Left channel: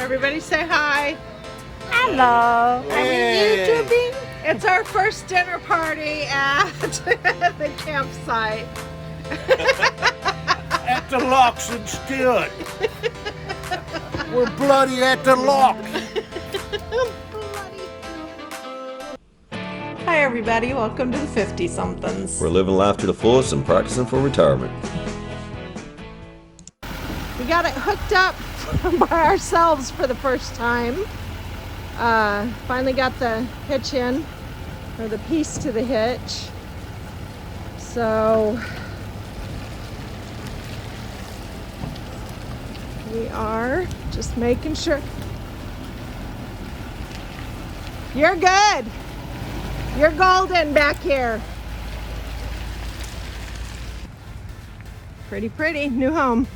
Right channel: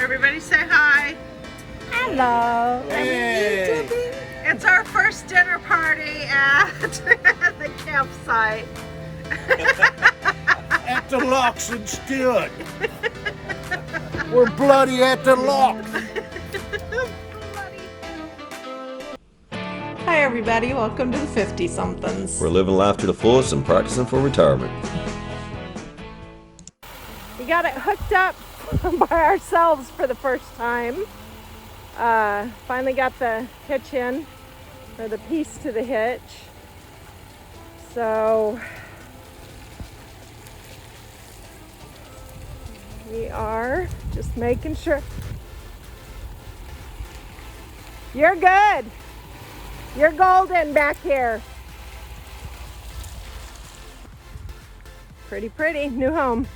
Everybody say hi. Hello. Are we YouTubing? It's our first dinner party at the campsite. At the locks instead. We're bloody at the locks. Hi everybody, welcome to the 50-somethings. We're living life to the fullest and practicing for retirement. We got it hooked up by ourselves for the first time. Finally got the hitch in, or the piece to the hitch. So we are just making sure. You're good. You're golden back here. Pretty, new home.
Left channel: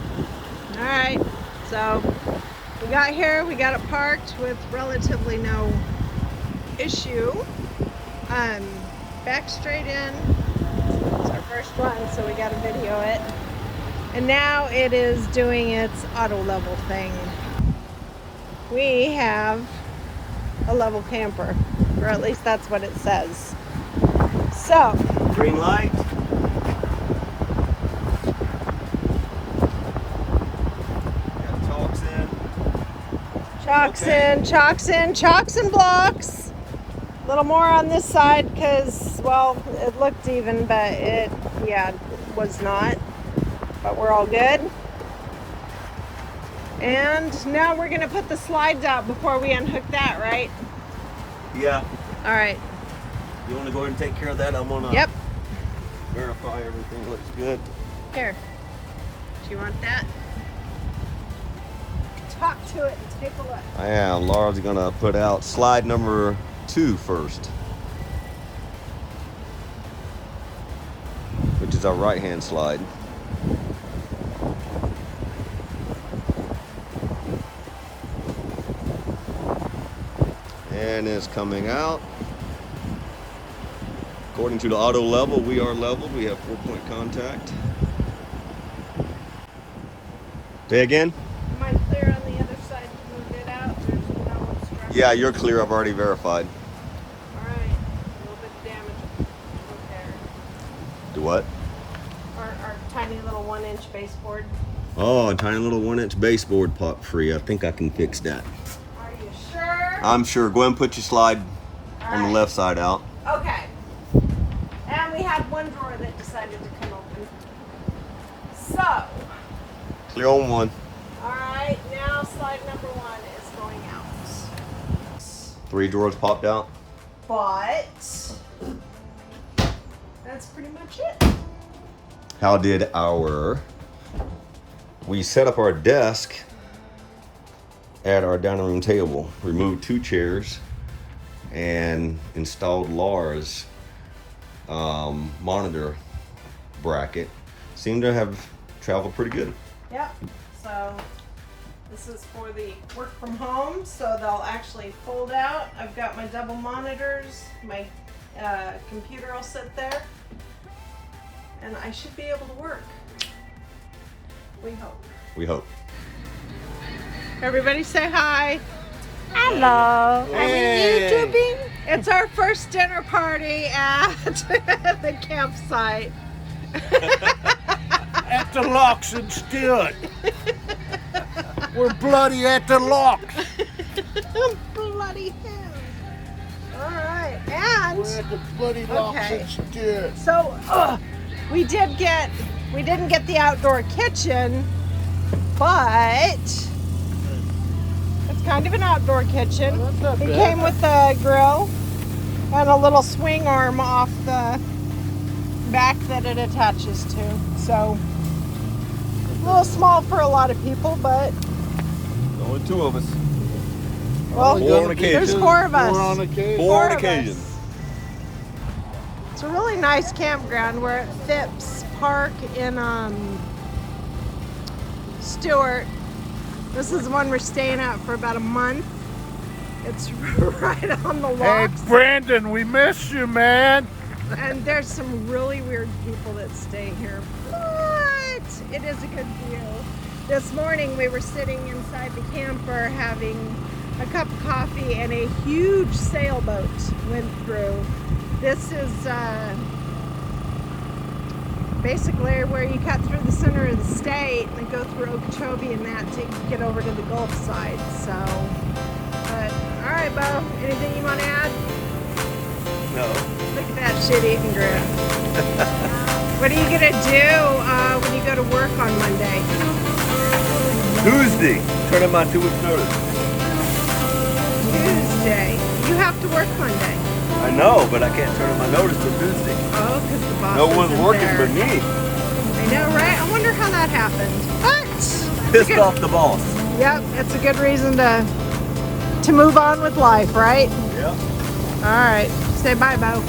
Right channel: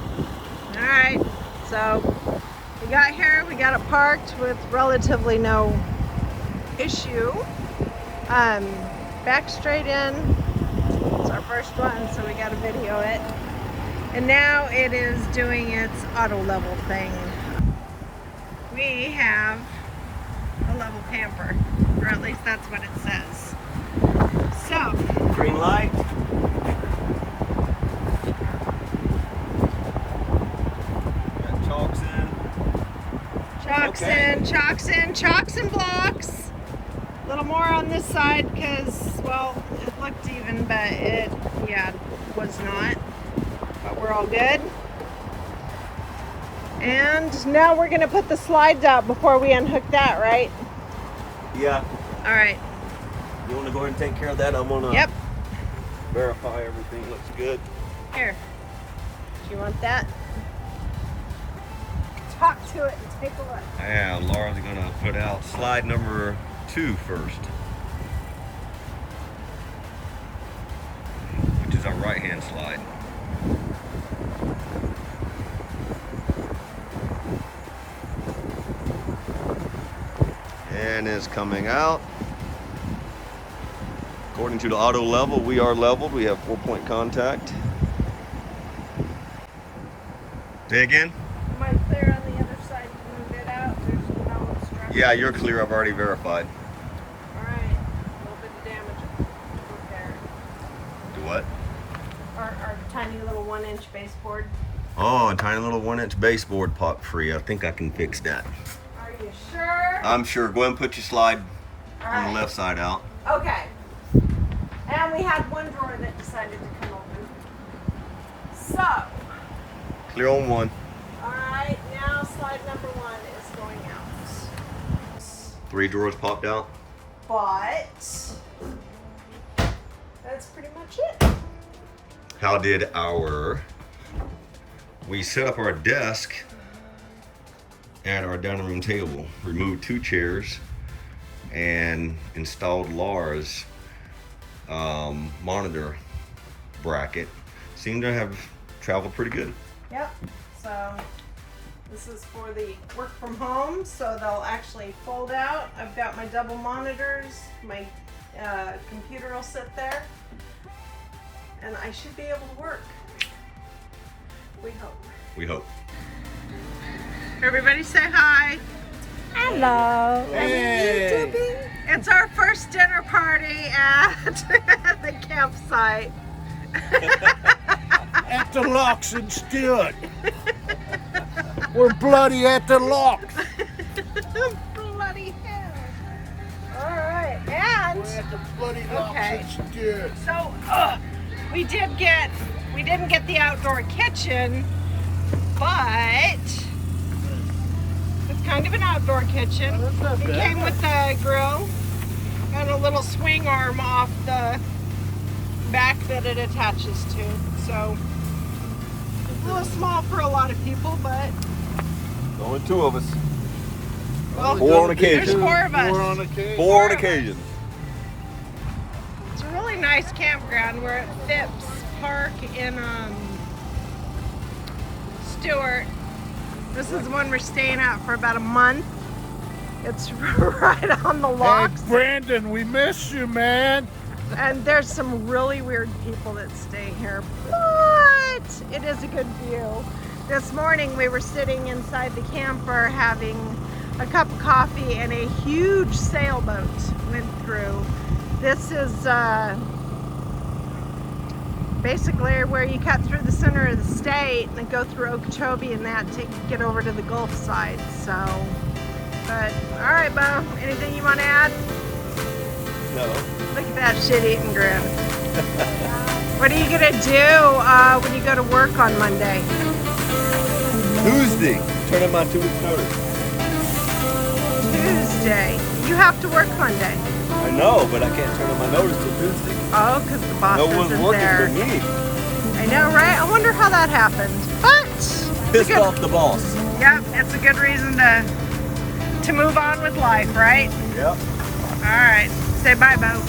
All right, so we got here, we got it parked with relatively no issue. Back straight in. It's our first one, so we got to video it. And now it is doing its auto level thing. We have a level camper, or at least that's what it says. So, Green light. Got chalks in. Chalks and blocks. A little more on this side because, well, it looked even, but it was not. But we're all good. And now we're going to put the slides out before we unhook that, right? Yeah. All right. You want to go ahead and take care of that? I'm going to verify everything looks good. Here. Do you want that? Talk to it and take a look. Yeah, Laura's going to put out slide number 2 first, which is our right-hand slide. And it's coming out. According to the auto level, we are leveled. We have 4-point contact. Say again? Am I clear on the other side to move it out? There's no obstruction. Yeah, you're clear. I've already verified. All right. A little bit of damage to repair. Do what? Our tiny little 1-inch baseboard. Oh, a tiny little 1-inch baseboard popped free. I think I can fix that. Are you sure? I'm sure. Go ahead and put your slide All on the right. left side out. Okay. And we had one drawer that decided to come open. So, Clear on one. all right, now slide number 1 is going out. 3 drawers popped out. But that's pretty much it. How did we set up our desk at our dining room table, removed 2 chairs, and installed Laura's monitor bracket. Seemed to have traveled pretty good. Yep. So this is for the work from home, so they'll actually fold out. I've got my double monitors, my computer will sit there, and I should be able to work. We hope. We hope. Everybody say hi. Hello. Are we YouTubing? It's our first dinner party at the campsite. At the locks instead. We're bloody at the locks. Bloody hell. All right, and We're at the bloody locks Okay. instead. so we didn't get the outdoor kitchen, but it's kind of an outdoor kitchen. Oh, that's not It bad. came with the grill and a little swing arm off the back that it attaches to. So a little small for a lot of people, but Only 2 of us. well, 4 on occasion. there's 4 of us. 4 on occasion. 4 on of us. occasion. It's a really nice campground. We're at Phipps Park in Stewart. This is the one we're staying at for about a month. It's right on the Hey, locks. Brandon, we miss you, man. And there's some really weird people that stay here, but it is a good view. This morning we were sitting inside the camper having a cup of coffee and a huge sailboat went through. This is basically where you cut through the center of the state and go through Okeechobee and that to get over to the Gulf side. So, but all right, Bo, anything you want to add? No. Look at that shit-eating grin. What are you gonna do when you go to work on Monday? Tuesday. Turn in my 2 weeks notice. Tuesday. You have to work Monday. I know, but I can't turn in my notice till Tuesday. Oh, because the boss No one's isn't working there. but me. I know, right? I wonder how that happened. But Pissed off the boss. Yep, it's a good reason to move on with life, right? Yep. All right. Say bye, Bo.